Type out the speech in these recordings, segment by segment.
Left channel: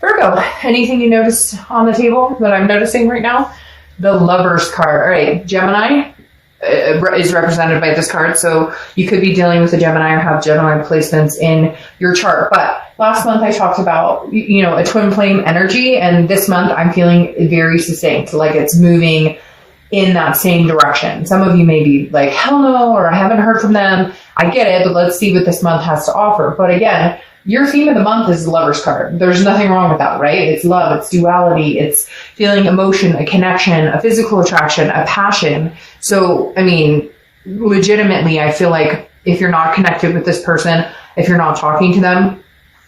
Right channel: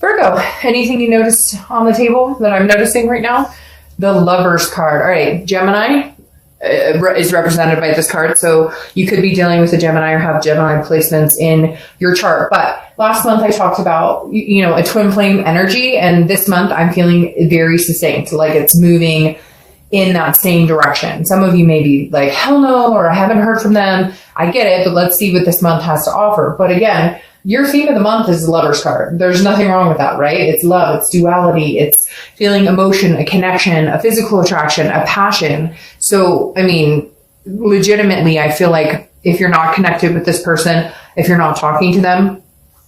Virgo, anything you noticed on the table that I'm noticing right now? The Lovers card. All right, Gemini is represented by this card, so you could be dealing with a Gemini or have Gemini placements in your chart. But last month I talked about, a twin flame energy, and this month I'm feeling very succinct, like it's moving in that same direction. Some of you may be like, hell no, or I haven't heard from them. I get it, but let's see what this month has to offer. But again, your theme of the month is the Lover's card. There's nothing wrong with that, right? It's love, it's duality, it's feeling emotion, a connection, a physical attraction, a passion. So, legitimately, I feel like if you're not connected with this person, if you're not talking to them,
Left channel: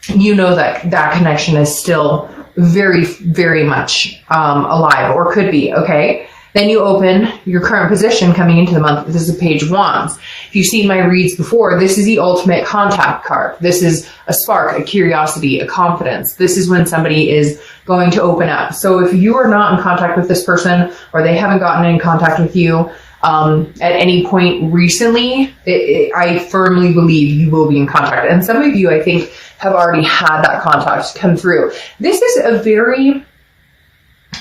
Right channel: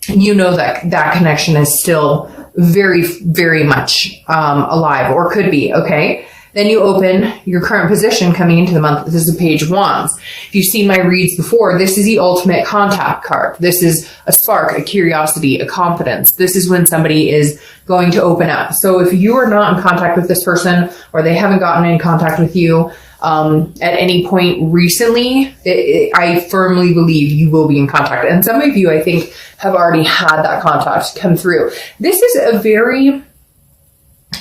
you know that that connection is still very, very much alive, or could be, okay? Then you open your current position coming into the month. This is the Page of Wands. If you've seen my reads before, this is the ultimate contact card. This is a spark, a curiosity, a confidence. This is when somebody is going to open up. So if you are not in contact with this person, or they haven't gotten in contact with you at any point recently, I firmly believe you will be in contact. And some of you, I think, have already had that contact come through. This is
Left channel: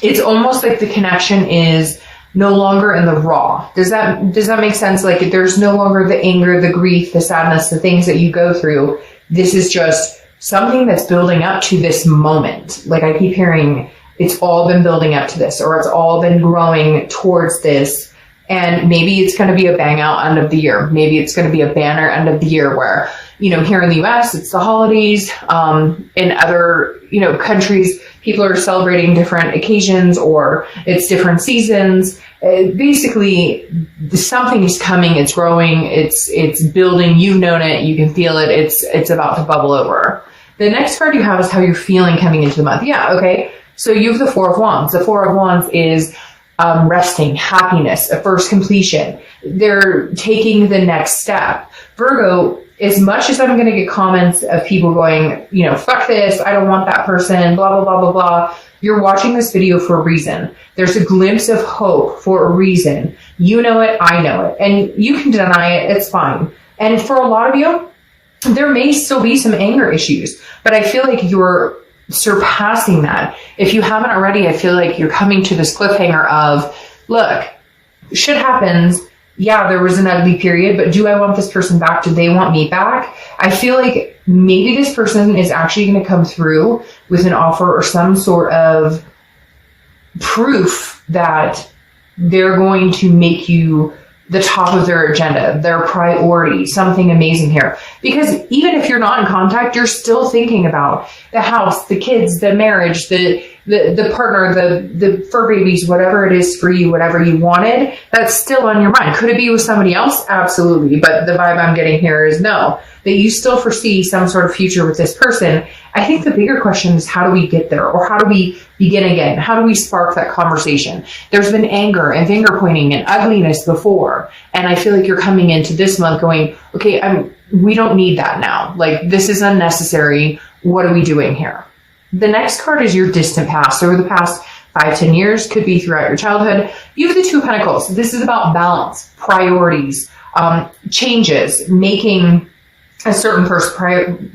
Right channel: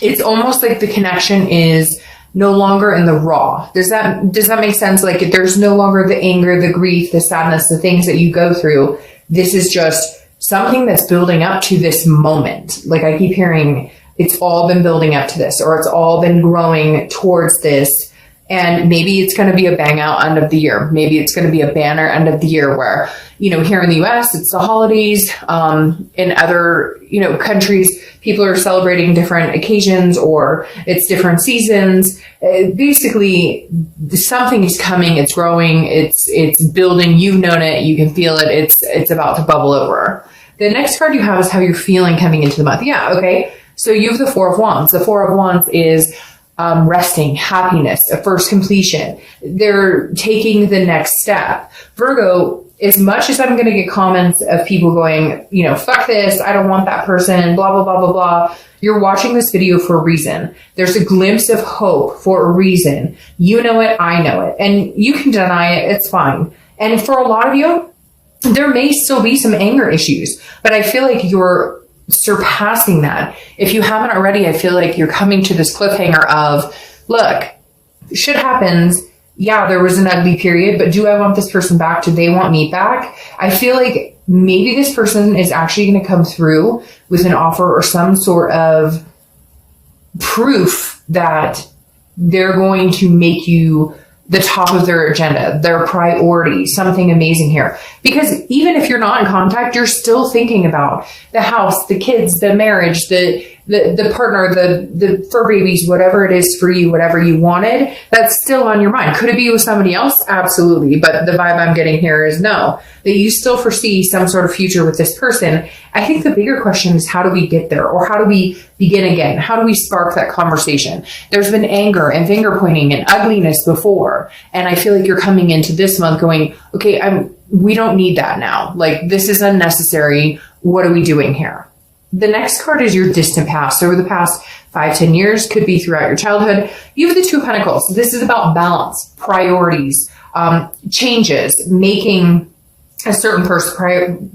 it's almost like the connection is no longer in the raw. Does that make sense? Like there's no longer the anger, the grief, the sadness, the things that you go through. This is just something that's building up to this moment. Like I keep hearing, it's all been building up to this, or it's all been growing towards this. And maybe it's going to be a bang out end of the year. Maybe it's going to be a banner end of the year where, here in the US, it's the holidays. In other, countries, people are celebrating different occasions, or it's different seasons. Basically, something is coming. It's growing. It's building. You've known it. You can feel it. It's about to bubble over. The next card you have is how you're feeling coming into the month. Yeah. Okay. So you have the Four of Wands. The Four of Wands is resting, happiness, a first completion. They're taking the next step. Virgo, as much as I'm going to get comments of people going, fuck this, I don't want that person, blah, blah, blah, blah, blah. You're watching this video for a reason. There's a glimpse of hope for a reason. You know it, I know it. And you can deny it, it's fine. And for a lot of you, there may still be some anger issues, but I feel like you're surpassing that. If you haven't already, I feel like you're coming to this cliffhanger of, look, shit happens. Yeah, there was an ugly period, but do I want this person back? Do they want me back? I feel like maybe this person is actually going to come through with an offer or some sort of proof that they're going to make you the top of their agenda, their priority, something amazing here. Because even if you're not in contact, you're still thinking about the house, the kids, the marriage, the partner, the fur babies, whatever it is for you, whatever you wanted, that's still on your mind. Could it be with somebody else? Absolutely. But the vibe I'm getting here is no, that you still foresee some sort of future with this person. I think the bigger question is, how do we get there? Or how do we begin again? How do we spark that conversation? There's been anger and finger pointing and ugliness before. And I feel like you're coming into this month going, okay, we don't need that now. Like, this is unnecessary. What are we doing here? The next card is your distant past. Over the past 5-10 years, could be throughout your childhood. You have the Two of Pentacles. This is about balance, priorities, changes, making a certain person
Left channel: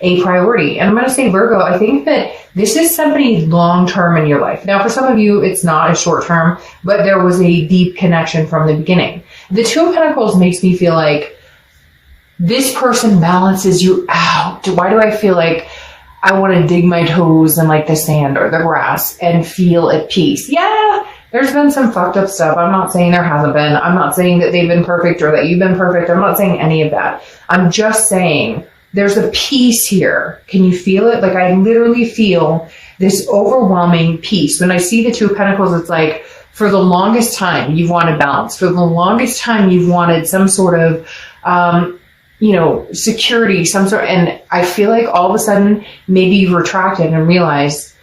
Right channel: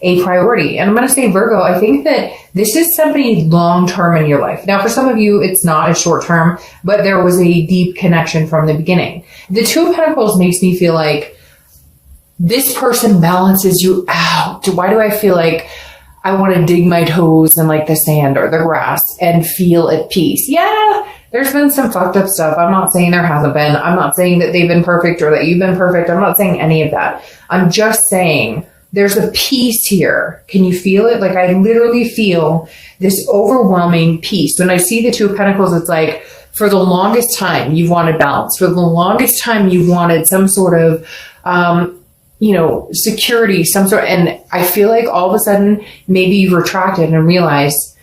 a priority. And I'm going to say, Virgo, I think that this is somebody long-term in your life. Now, for some of you, it's not a short-term, but there was a deep connection from the beginning. The Two of Pentacles makes me feel like this person balances you out. Why do I feel like I want to dig my toes in like the sand or the grass and feel at peace? Yeah, there's been some fucked up stuff. I'm not saying there hasn't been. I'm not saying that they've been perfect or that you've been perfect. I'm not saying any of that. I'm just saying there's a peace here. Can you feel it? Like, I literally feel this overwhelming peace. When I see the Two of Pentacles, it's like, for the longest time, you've wanted balance. For the longest time, you've wanted some sort of, security, some sort. And I feel like all of a sudden, maybe you've retracted and realized,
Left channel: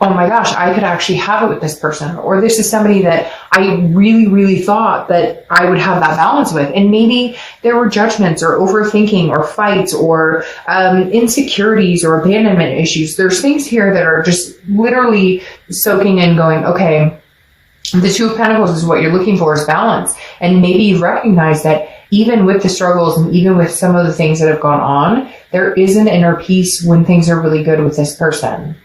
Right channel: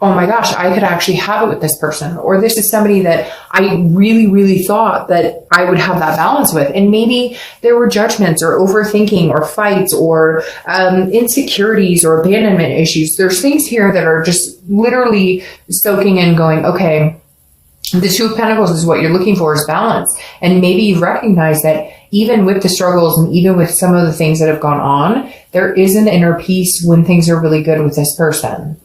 oh my gosh, I could actually have it with this person. Or this is somebody that I really, really thought that I would have that balance with. And maybe there were judgments or overthinking or fights or insecurities or abandonment issues. There's things here that are just literally soaking in going, okay, The Two of Pentacles is what you're looking for, is balance. And maybe you recognize that even with the struggles and even with some of the things that have gone on, there is an inner peace when things are really good with this person.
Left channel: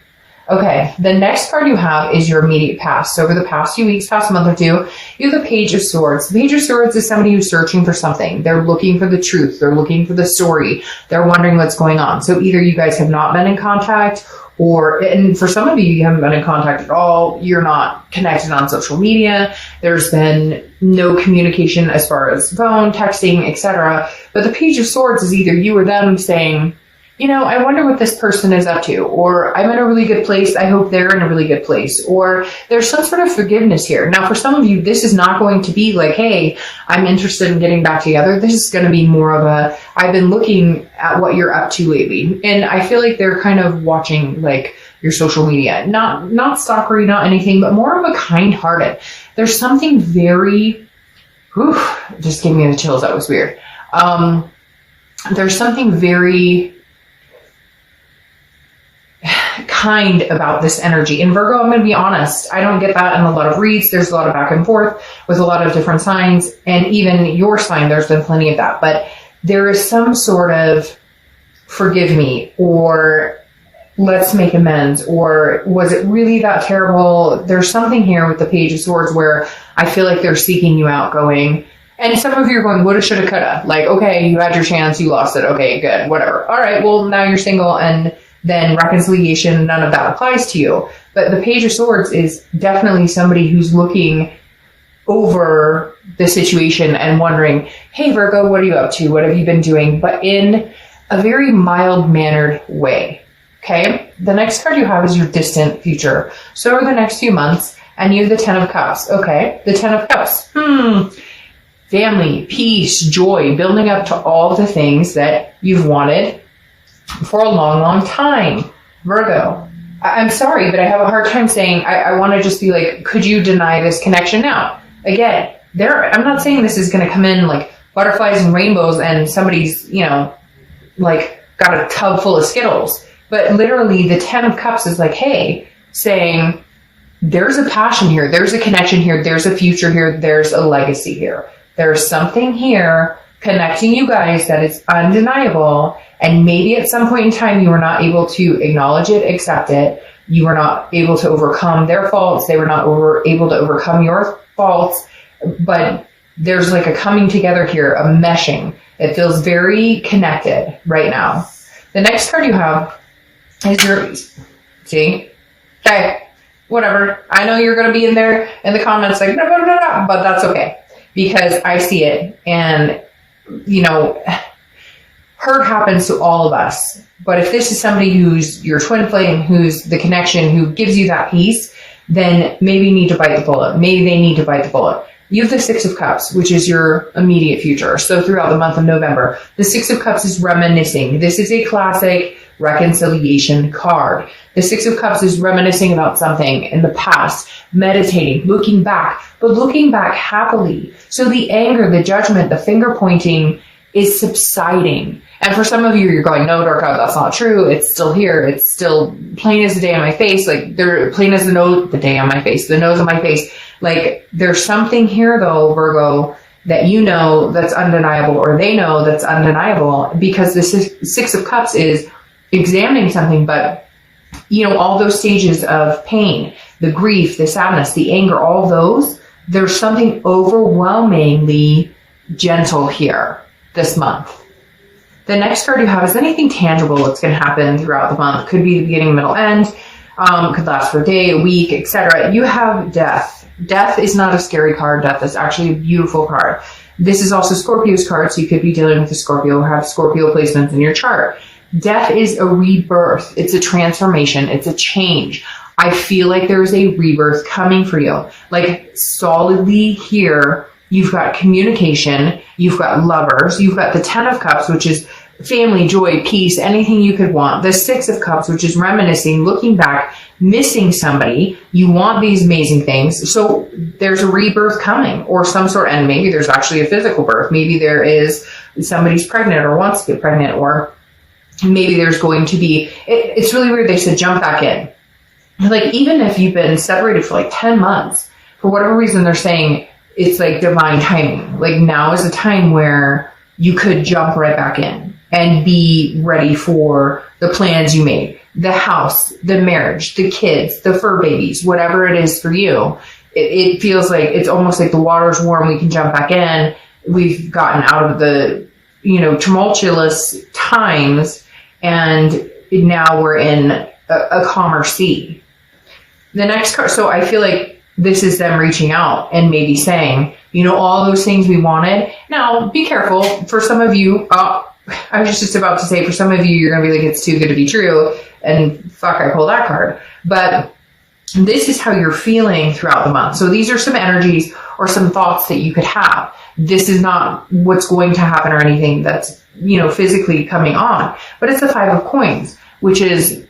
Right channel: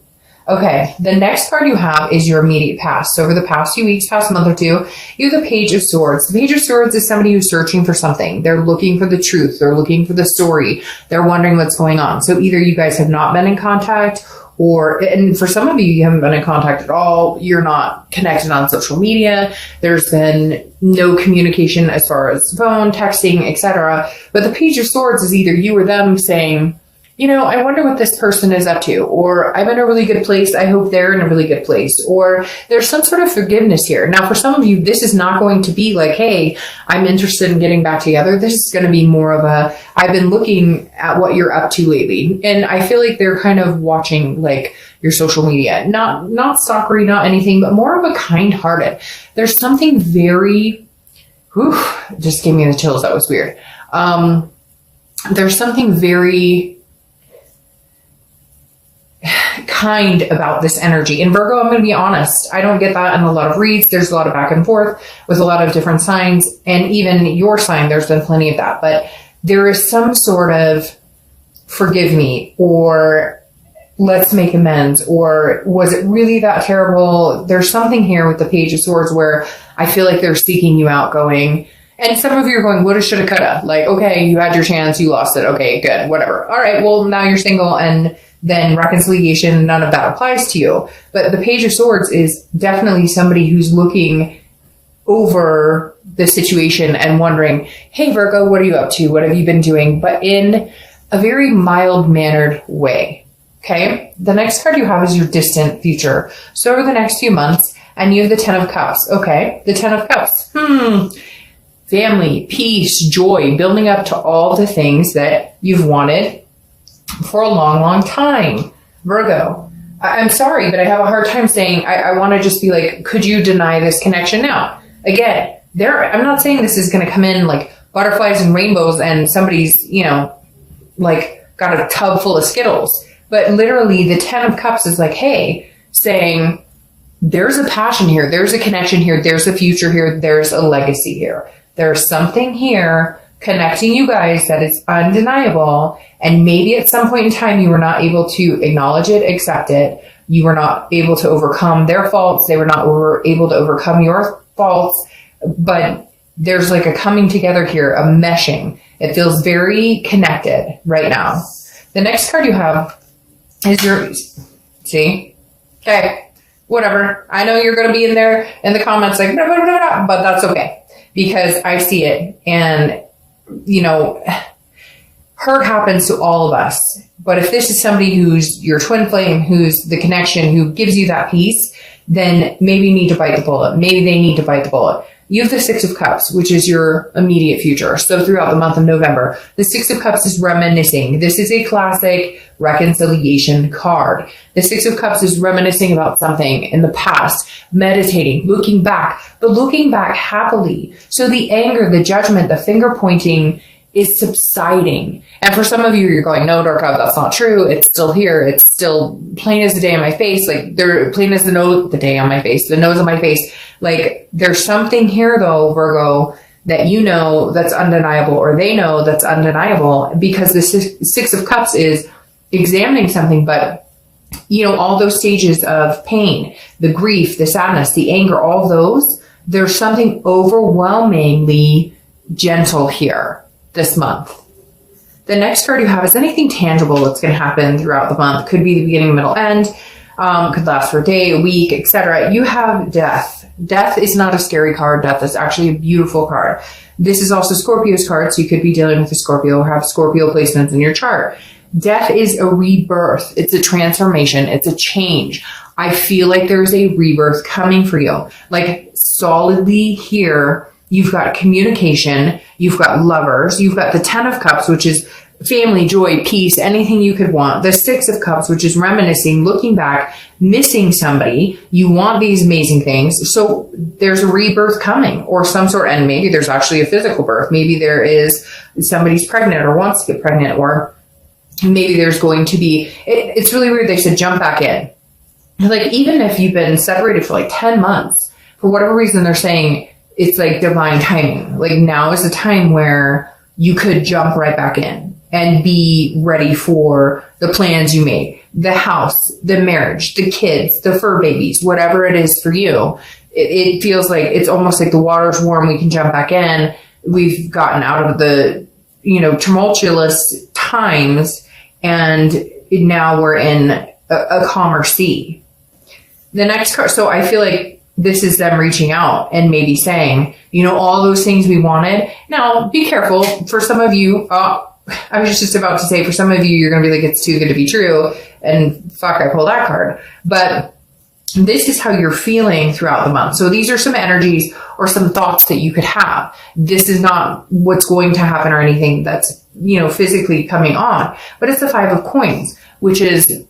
Okay, the next card you have is your immediate past. So over the past few weeks, past month or two, you have the Page of Swords. The Page of Swords is somebody who's searching for something. They're looking for the truth. They're looking for the story. They're wondering what's going on. So either you guys have not been in contact, and for some of you, you haven't been in contact at all. You're not connected on social media. There's been no communication as far as phone, texting, etc. But the Page of Swords is either you or them saying, you know, I wonder what this person is up to, or I'm in a really good place. I hope they're in a really good place, or there's some sort of forgiveness here. Now, for some of you, this is not going to be like, hey, I'm interested in getting back together. This is going to be more of a, I've been looking at what you're up to lately. And I feel like they're kind of watching like your social media, not stalkery, not anything, but more of a kind-hearted. There's something very, it just gave me the chills. That was weird. There's something very kind about this energy. In Virgo, I'm going to be honest, I don't get that in a lot of reads. There's a lot of back and forth with a lot of different signs, and even your sign, there's been plenty of that. But there is some sort of forgive me, or let's make amends, or was it really that terrible? There's something here with the Page of Swords where I feel like they're seeking you out, going, and some of you are going, woulda, shoulda, coulda. Like, okay, you had your chance, you lost it. Okay, good, whatever. All right, well, now you're single, and then reconciliation, none of that applies to you. But the Page of Swords is definitely somebody who's looking over the situation and wondering, hey, Virgo, what are you up to? What have you been doing? But in a very mild-mannered way, okay? The next card you have is your distant future. So over the next few months, and you have the Ten of Cups, okay? The Ten of Cups, family, peace, joy, building up to all the things that you've wanted for a long, long time. Virgo, I'm sorry, but I have a hard time saying, I want to just be like, could you deny this connection now? Again, I'm not saying this is going to come in like butterflies and rainbows and somebody's, you know, like got a tub full of Skittles. But literally the Ten of Cups is like, hey, saying there's a passion here. There's a connection here. There's a future here. There's a legacy here. There's something here connecting you guys that is undeniable. And maybe at some point in time, you were not able to acknowledge it, accept it. You were not able to overcome their faults. They were not able to overcome your faults. But there's like a coming together here, a meshing. It feels very connected right now. The next card you have is yours. See? Okay, whatever. I know you're going to be in there in the comments like, no, but that's okay. Because I see it. And, you know, hurt happens to all of us. But if this is somebody who's your twin flame, who's the connection, who gives you that peace, then maybe you need to bite the bullet. Maybe they need to bite the bullet. You have the Six of Cups, which is your immediate future. So throughout the month of November, the Six of Cups is reminiscing. This is a classic reconciliation card. The Six of Cups is reminiscing about something in the past, meditating, looking back, but looking back happily. So the anger, the judgment, the finger pointing is subsiding. And for some of you, you're going, no, Dorka, that's not true. It's still here. It's still plain as the day on my face. Like, they're plain as the day on my face, the nose on my face. Like, there's something here, though, Virgo, that you know that's undeniable, or they know that's undeniable, because the Six of Cups is examining something, but, you know, all those stages of pain, the grief, the sadness, the anger, all those, there's something overwhelmingly gentle here this month. The next card you have is anything tangible that's going to happen throughout the month. Could be the beginning, middle, end. Could last for a day, a week, etc. You have death. Death is not a scary card. Death is actually a beautiful card. This is also Scorpio's card, so you could be dealing with a Scorpio or have Scorpio placements in your chart. Death is a rebirth. It's a transformation. It's a change. I feel like there's a rebirth coming for you. Like, solidly here, you've got communication, you've got lovers, you've got the Ten of Cups, which is family, joy, peace, anything you could want. The Six of Cups, which is reminiscing, looking back, missing somebody. You want these amazing things. So there's a rebirth coming, or some sort, and maybe there's actually a physical birth. Maybe there is somebody's pregnant or wants to get pregnant, or maybe there's going to be, it's really weird. They said jump back in. Like, even if you've been separated for like 10 months, for whatever reason, they're saying it's like divine timing. Like now is the time where you could jump right back in and be ready for the plans you made, the house, the marriage, the kids, the fur babies, whatever it is for you. It feels like it's almost like the water's warm. We can jump back in. We've gotten out of the, tumultuous times, and now we're in a calmer sea. The next card. So I feel like this is them reaching out and maybe saying, all those things we wanted. Now, be careful. For some of you, I was just about to say, for some of you, you're going to be like, it's too good to be true. And fuck, I pulled that card. But this is how you're feeling throughout the month. So these are some energies or some thoughts that you could have. This is not what's going to happen or anything that's, physically coming on. But it's the 5 of coins, which is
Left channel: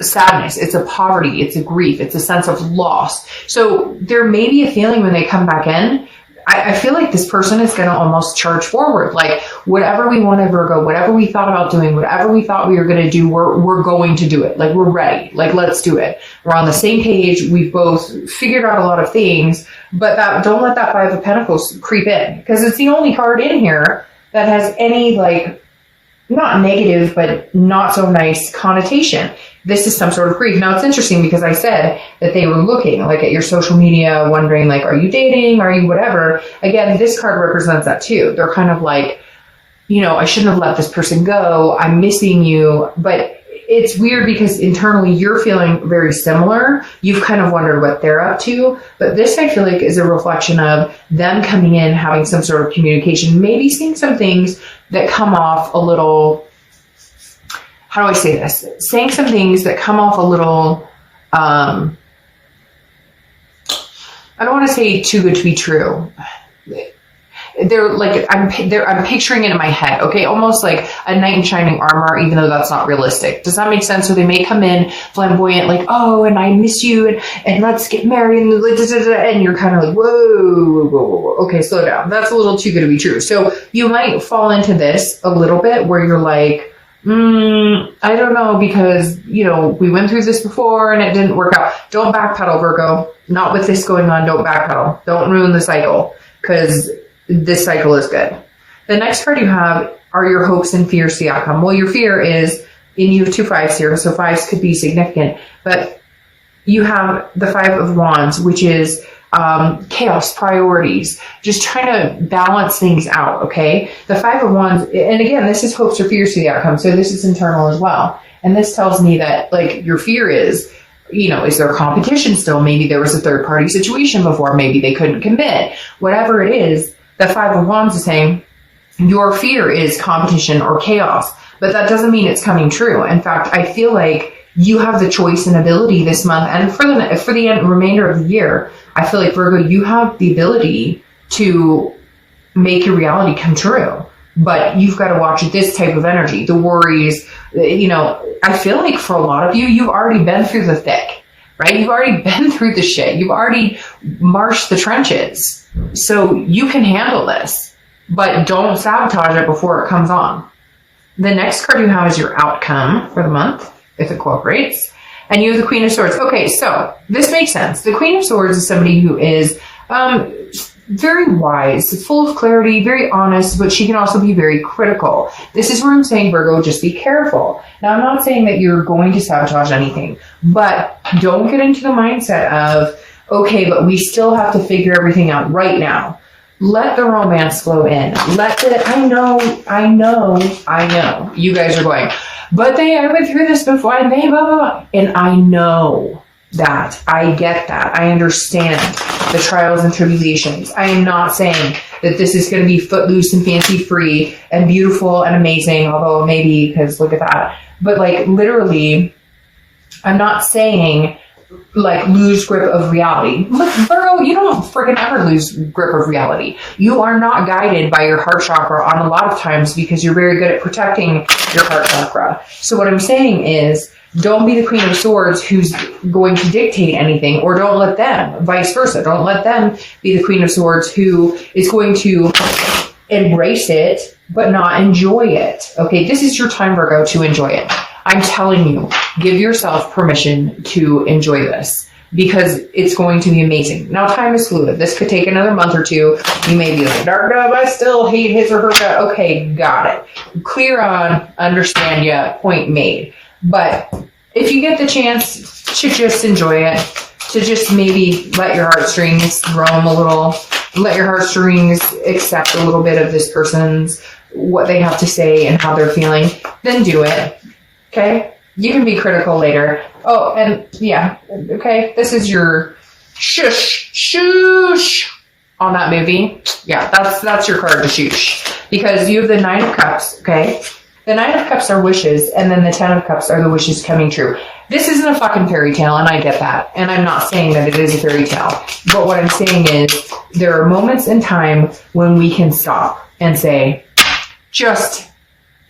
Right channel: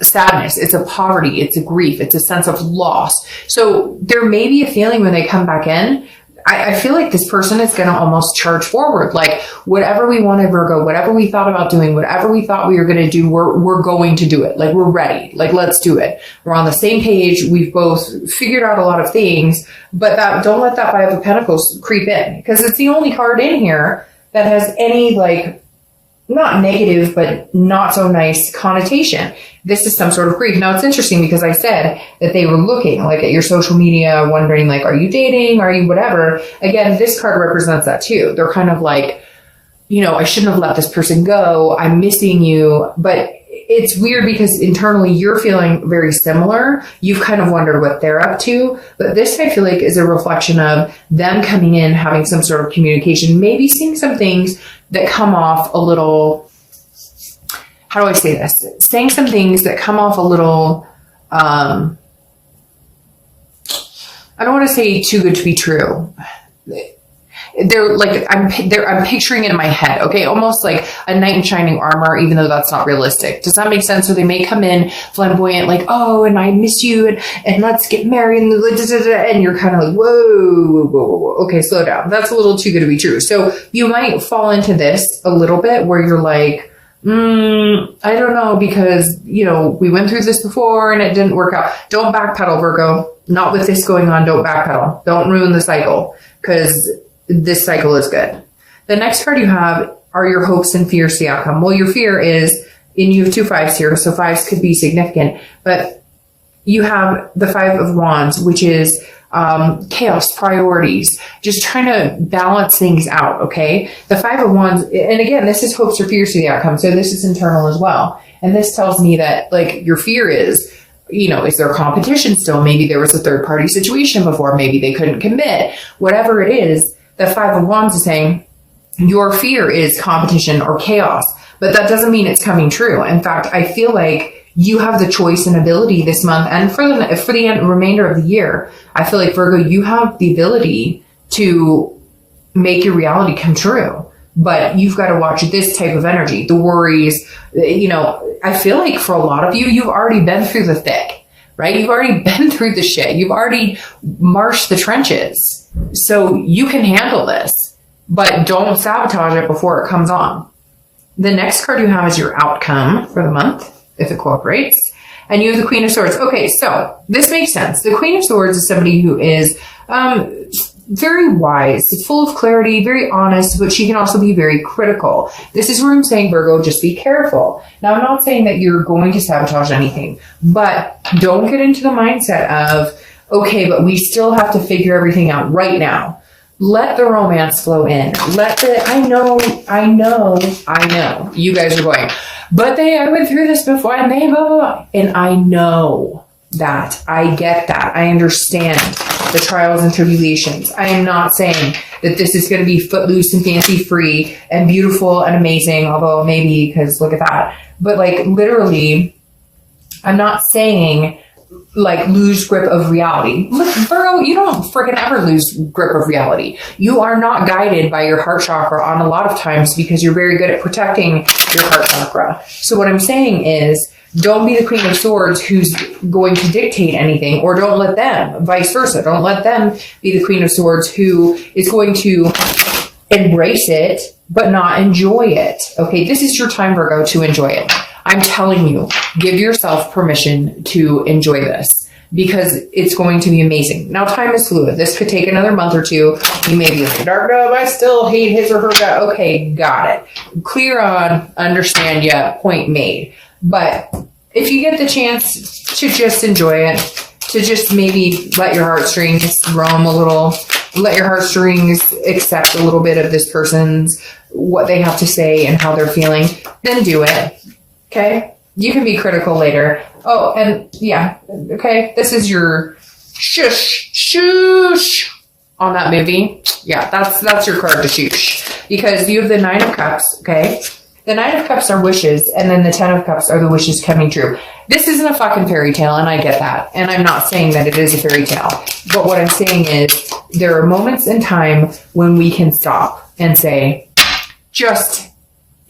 sadness. It's a poverty. It's a grief. It's a sense of loss. So there may be a feeling when they come back in. I feel like this person is going to almost charge forward. Like whatever we wanted, Virgo, whatever we thought about doing, whatever we thought we were going to do, we're going to do it. Like we're ready. Like let's do it. We're on the same page. We've both figured out a lot of things, but don't let that 5 of Pentacles creep in, because it's the only card in here that has any not negative, but not so nice connotation. This is some sort of grief. Now it's interesting because I said that they were looking at your social media, wondering are you dating? Are you whatever? Again, this card represents that too. They're kind of like, I shouldn't have let this person go. I'm missing you. But it's weird because internally you're feeling very similar. You've kind of wondered what they're up to. But this I feel like is a reflection of them coming in, having some sort of communication, maybe seeing some things that come off a little, how do I say this? Saying some things that come off a little, I don't want to say too good to be true. They're I'm picturing it in my head. Okay. Almost like a knight in shining armor, even though that's not realistic. Does that make sense? So they may come in flamboyant, and I miss you and let's get married and you're kind of like, whoa. Okay. Slow down. That's a little too good to be true. So you might fall into this a little bit where you're like, I don't know, because, we went through this before and it didn't work out. Don't backpedal, Virgo. Not with this going on. Don't backpedal. Don't ruin the cycle, because this cycle is good. The next card you have are your hopes and fears to the outcome. Well, your fear is, and you have 2 5s here, so 5s could be significant, but you have the 5 of Wands, which is chaos, priorities, just trying to balance things out. Okay. The 5 of Wands, and again, this is hopes or fears to the outcome. So this is internal as well. And this tells me that your fear is, is there competition still? Maybe there was a third party situation before. Maybe they couldn't commit. Whatever it is, the 5 of Wands is saying your fear is competition or chaos, but that doesn't mean it's coming true. In fact, I feel like you have the choice and ability this month, and for the remainder of the year, I feel like, Virgo, you have the ability to make your reality come true. But you've got to watch this type of energy, the worries. I feel like for a lot of you, you've already been through the thick, right? You've already been through the shit. You've already marched the trenches. So you can handle this, but don't sabotage it before it comes on. The next card you have is your outcome for the month, if it cooperates. And you have the Queen of Swords. Okay, so this makes sense. The Queen of Swords is somebody who is very wise, full of clarity, very honest, but she can also be very critical. This is where I'm saying, Virgo, just be careful. Now, I'm not saying that you're going to sabotage anything, but don't get into the mindset of, okay, but we still have to figure everything out right now. Let the romance flow in. I know. You guys are going, but I went through this before and they blah, blah, blah. And I know that. I get that. I understand the trials and tribulations. I am not saying that this is going to be footloose and fancy free and beautiful and amazing, although maybe, because look at that. But literally, I'm not saying lose grip of reality. Look, Virgo, you don't freaking ever lose grip of reality. You are not guided by your heart chakra on a lot of times because you're very good at protecting your heart chakra. So what I'm saying is, don't be the Queen of Swords who's going to dictate anything, or don't let them, vice versa. Don't let them be the Queen of Swords who is going to embrace it, but not enjoy it. Okay, this is your time, Virgo, to enjoy it. I'm telling you, give yourself permission to enjoy this. because it's going to be amazing. Now, time is fluid. This could take another month or two. You may be like, Dark Love, I still hate his or her gut. Okay, got it. Clear on, understand ya, point made. But if you get the chance to just enjoy it, to just maybe let your heartstrings roam a little, let your heartstrings accept a little bit of this person's, what they have to say and how they're feeling, then do it. Okay? You can be critical later. Oh, and yeah, okay, this is your shush on that movie. Yeah, that's your card to shush. Because you have the Nine of Cups, okay? The Nine of Cups are wishes, and then the Ten of Cups are the wishes coming true. This isn't a fucking fairy tale, and I get that. And I'm not saying that it is a fairy tale. But what I'm saying is there are moments in time when we can stop and say, just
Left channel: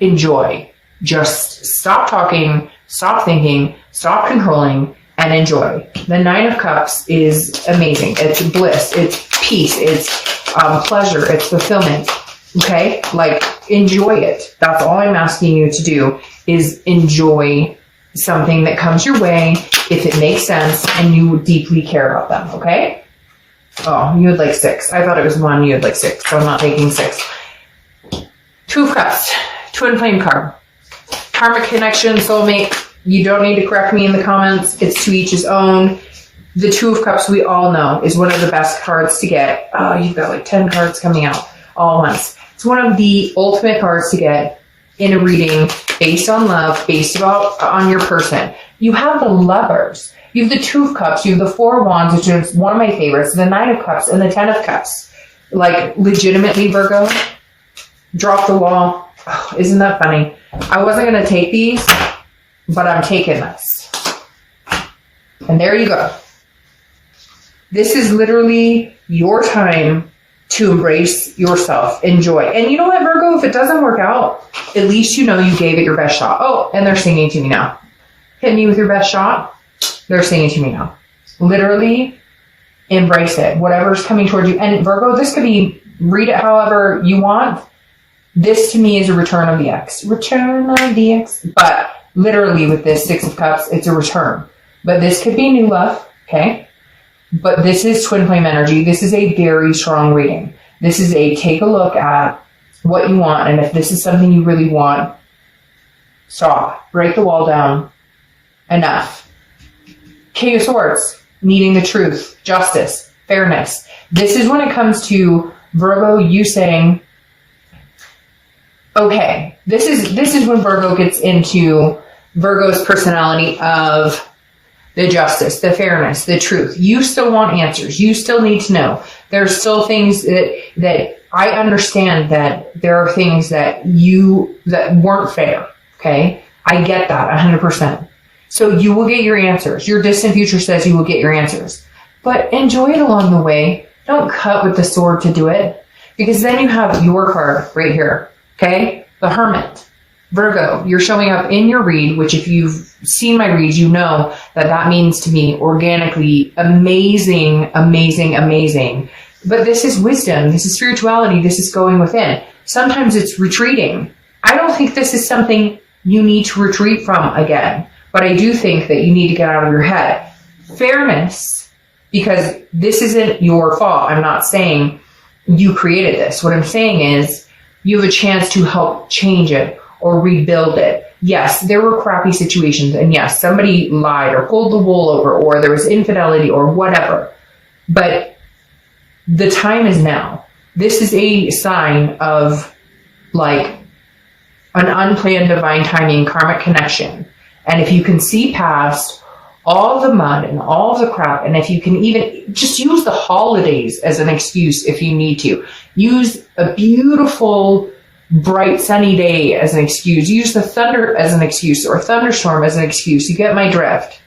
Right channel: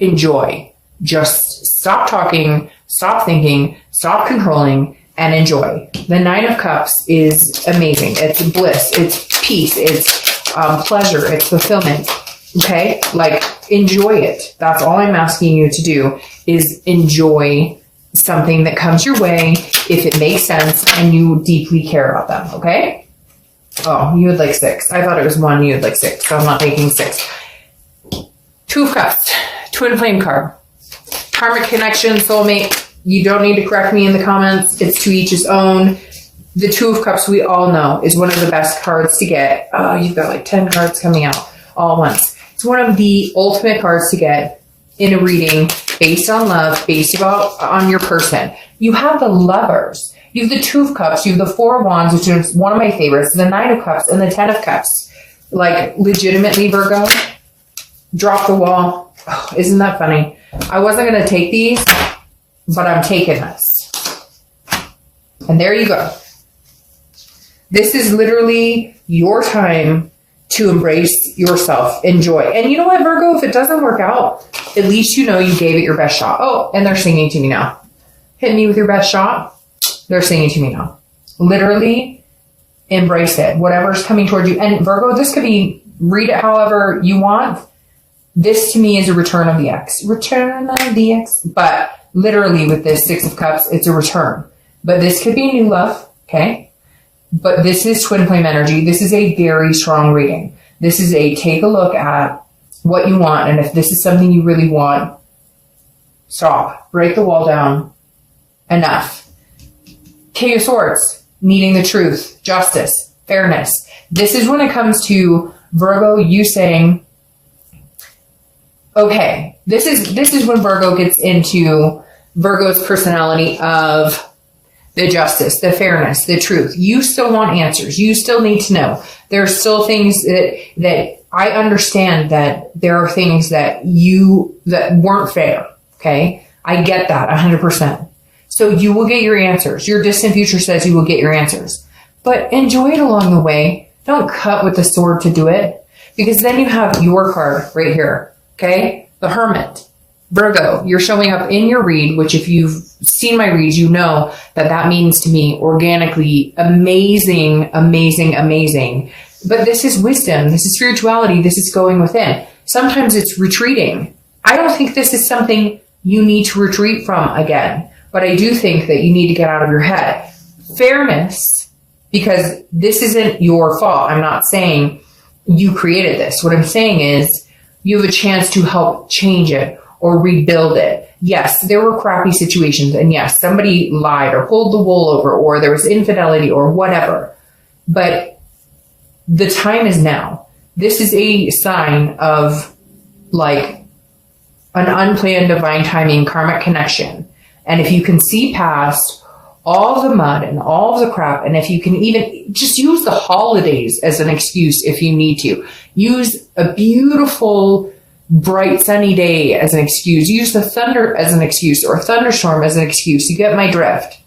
enjoy. Just stop talking, stop thinking, stop controlling, and enjoy. The Nine of Cups is amazing. It's bliss, it's peace, it's pleasure, it's fulfillment. Okay? Like, enjoy it. That's all I'm asking you to do, is enjoy something that comes your way if it makes sense and you deeply care about them. Okay? Oh, you had like 6. I thought it was 1. You had like 6, so I'm not taking 6. Two of Cups. Twin flame card. Karmic connection, soulmate. You don't need to correct me in the comments. It's to each his own. The Two of Cups, we all know, is one of the best cards to get. Oh, you've got like 10 cards coming out all once. It's one of the ultimate cards to get in a reading based on love, based on your person. You have the Lovers. You have the Two of Cups. You have the Four of Wands, which is one of my favorites. The Nine of Cups and the Ten of Cups. Like, legitimately, Virgo, drop the wall. Oh, isn't that funny? I wasn't going to take these, but I'm taking this. And there you go. This is literally your time to embrace yourself, enjoy. And you know what, Virgo, if it doesn't work out, at least you know you gave it your best shot. Oh, and they're singing to me now. Hit me with your best shot. They're singing to me now. Literally embrace it. Whatever's coming towards you. And Virgo, this could be, read it however you want. This to me is a return of the X. Return of the X. But literally with this Six of Cups, it's a return. But this could be new love, okay? But this is twin flame energy. This is a very strong reading. This is a take a look at what you want. And if this is something you really want, stop. Break the wall down. Enough. King of Swords. Needing the truth. Justice. Fairness. This is when it comes to Virgo, you saying, okay, this is when Virgo gets into Virgo's personality of the justice, the fairness, the truth. You still want answers. You still need to know. There are still things that I understand that there are things that weren't fair. Okay. I get that 100%. So you will get your answers. Your distant future says you will get your answers, but enjoy it along the way. Don't cut with the sword to do it, because then you have your card right here. Okay. The Hermit. Virgo, you're showing up in your read, which if you've seen my reads, you know that means to me organically amazing, amazing, amazing. But this is wisdom. This is spirituality. This is going within. Sometimes it's retreating. I don't think this is something you need to retreat from again, but I do think that you need to get out of your head. Fairness, because this isn't your fault. I'm not saying you created this. What I'm saying is you have a chance to help change it or rebuild it. Yes, there were crappy situations, and yes, somebody lied or pulled the wool over, or there was infidelity or whatever. But the time is now. This is a sign of like an unplanned divine timing karmic connection. And if you can see past all the mud and all the crap, and if you can even just use the holidays as an excuse if you need to, use a beautiful bright sunny day as an excuse. Use the thunder as an excuse, or thunderstorm as an excuse. You get my drift.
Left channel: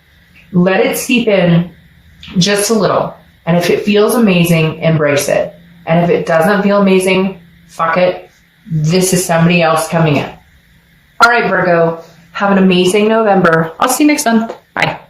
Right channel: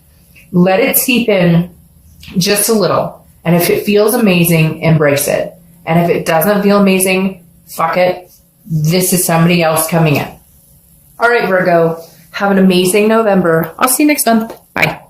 Let it seep in just a little. And if it feels amazing, embrace it. And if it doesn't feel amazing, fuck it. This is somebody else coming in. All right, Virgo. Have an amazing November. I'll see you next month. Bye.